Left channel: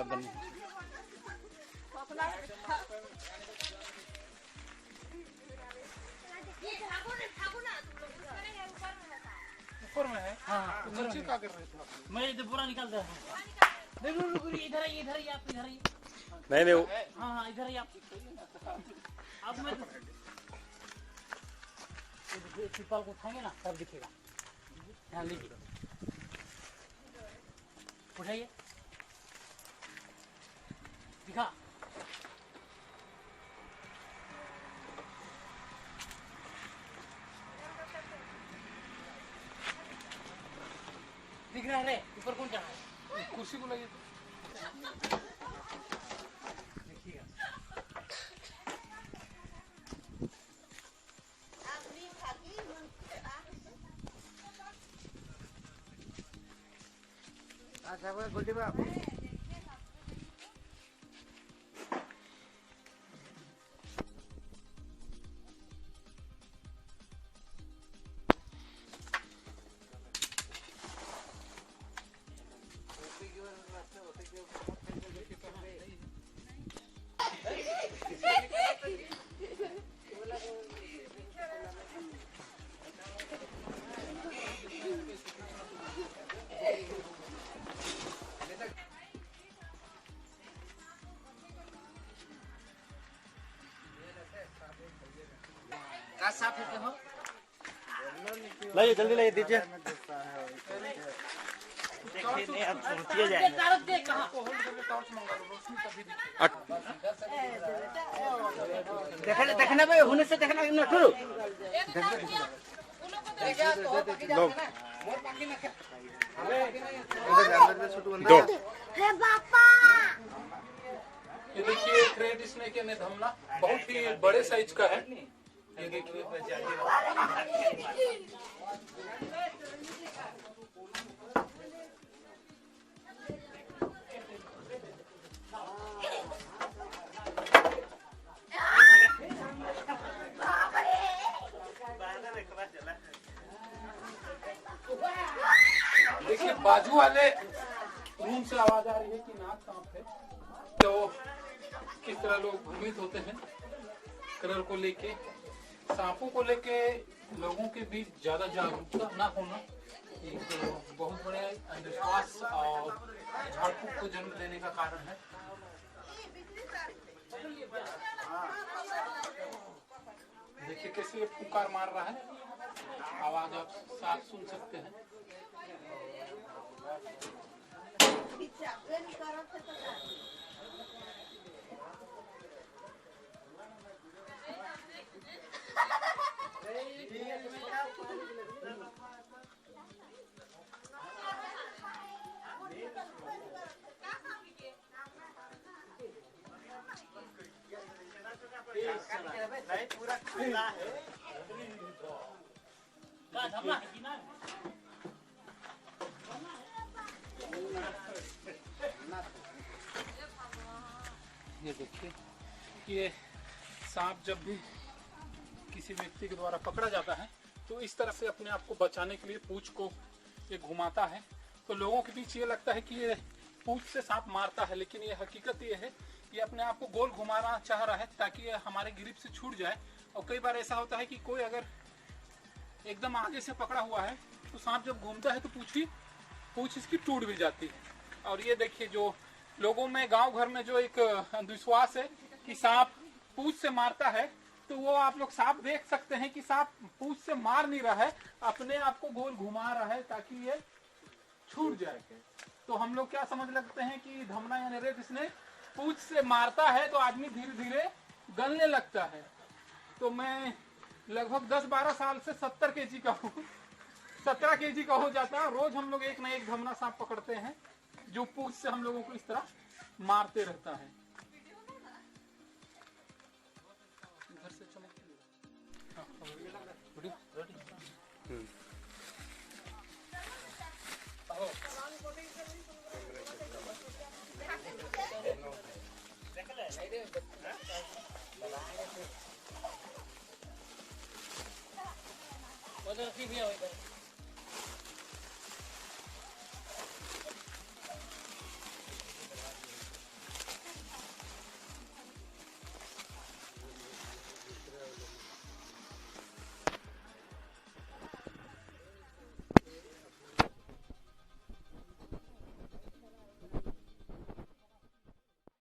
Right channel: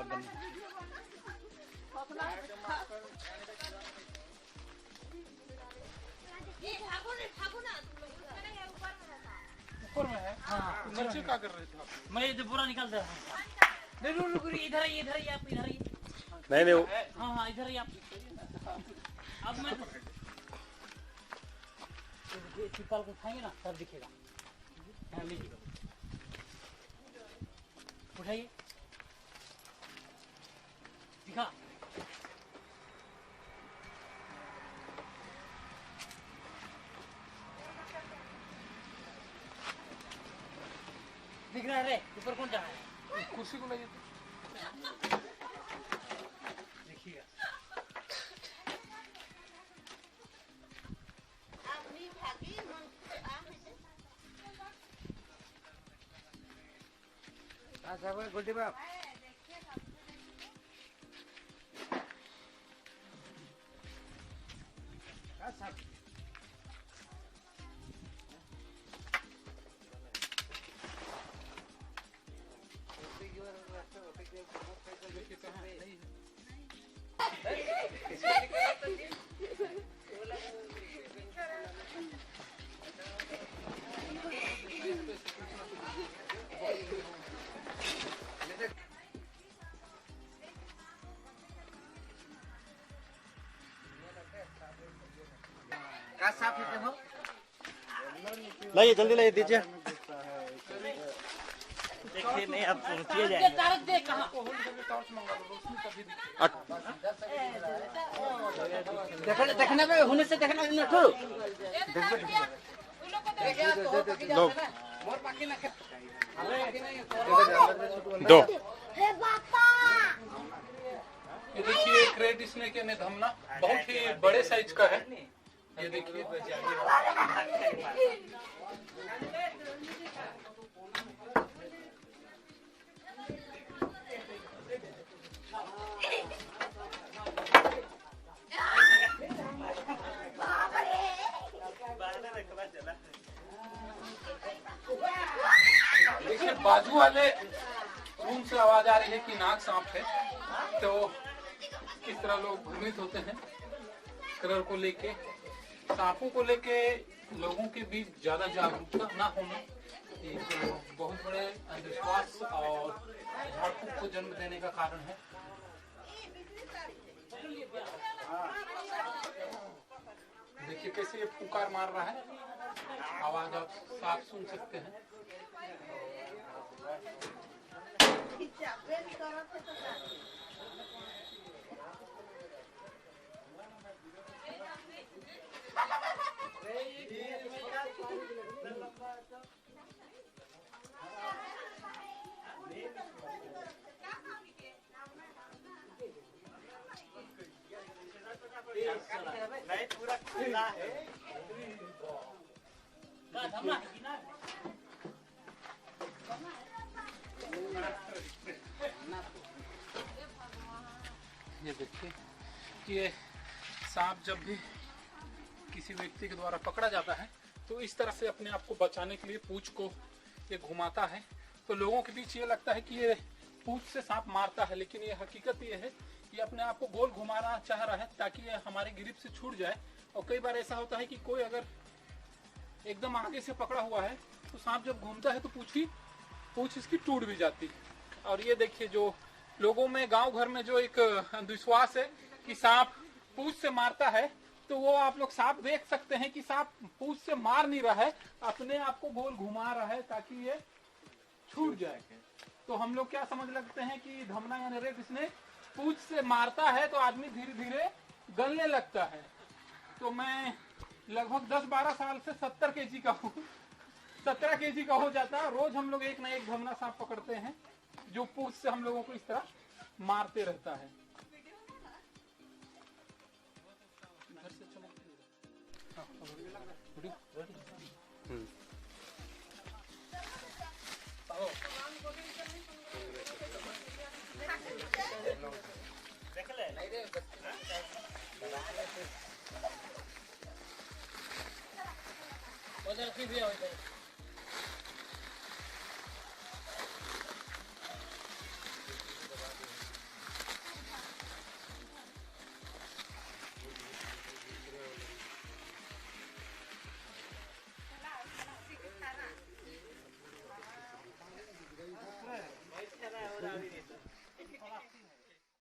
ज्यादा नहीं। ऊपर में है। हाँ नीचे क्या कर रहे थे आप? मैं ये पूरा निकाल दे रहा हूँ। नहीं इधर ही आप इधर ही। नहीं वो हाँ इधर ही आप। अब मैं तिरपाल को उठाएंगे ना तब दिखेगा। ध्यान दीजिए, उठाइए, दिखा। दिख रहा है ऊपर कौन जा रहा है? कुर्सी को लाइए। देखिएगा गुड्डी बाप लाइए, जल्दी लाइए, दीजिए। देखिए नहीं अब रुकिए जाएंगे। देखने में होने से देखना न ठू दो ये देखिए क्रेट स्नेक यानी धमना बहुत ही बड़े साइज का है। ये देखिए देखिए बाजू वाले रूम से आवाज आ रही है कि नाग सांप है। तो किस तरह लोग भ्रमित होते हैं कलर को लेके। सांपों को लेके लोगों के बीच ज्यादा जागरूकता ना होना एक बहुत बड़े अंधविश्वास और झाड़ फूक को जन्म देने का कारण है। देखिए कैसे ये पुकार मार रहा है, आवाज आप साफ सुन सकते हैं। लाइट पूरा खुला है। ये देखिए कि सांप जब भी किसी व्यक्ति के द्वारा पकड़ा जाता है तो इस तरह से अपने आप को बचाने के लिए पूंछ को ये घुमाता है। तो लोगों के बीच ये लगता है कि ये पूंछ से सांप मारता है, लेकिन ये हकीकत ये है ये अपने आप को गोल घुमाना चाह रहा है ताकि ये हमारे ग्रिप से छूट जाए। और कई बार ऐसा होता है कि कोई अगर एकदम आगे से पकड़ा हुआ है तो सांप जब घूमता है तो पूंछ इसकी टूट भी जाती है। और ये देखिए जो लोगों में गांव घर में जो एक अंधविश्वास है कि सांप पूंछ से मारता है, तो वो आप लोग साफ देख सकते हैं कि सांप पूंछ से मार नहीं रहा है, अपने आप को गोल घुमा रहा है ताकि ये छूट जाए। तो हम लोग क्या समझ लगते हैं कि धमना यानी रेत स्नेक पूंछ से मारता है तो आदमी धीरे धीरे गलने लगता है। तो मैं लगभग 10-12 साल से 70 केजी का हूँ, 17 केजी का हो जाता है। रोज हम लोग एक ना एक धमना सांप पकड़ते हैं जो पूंछ से हम लोगों को इस तरह मारते रहता है। घर से उधर की भी है उधर।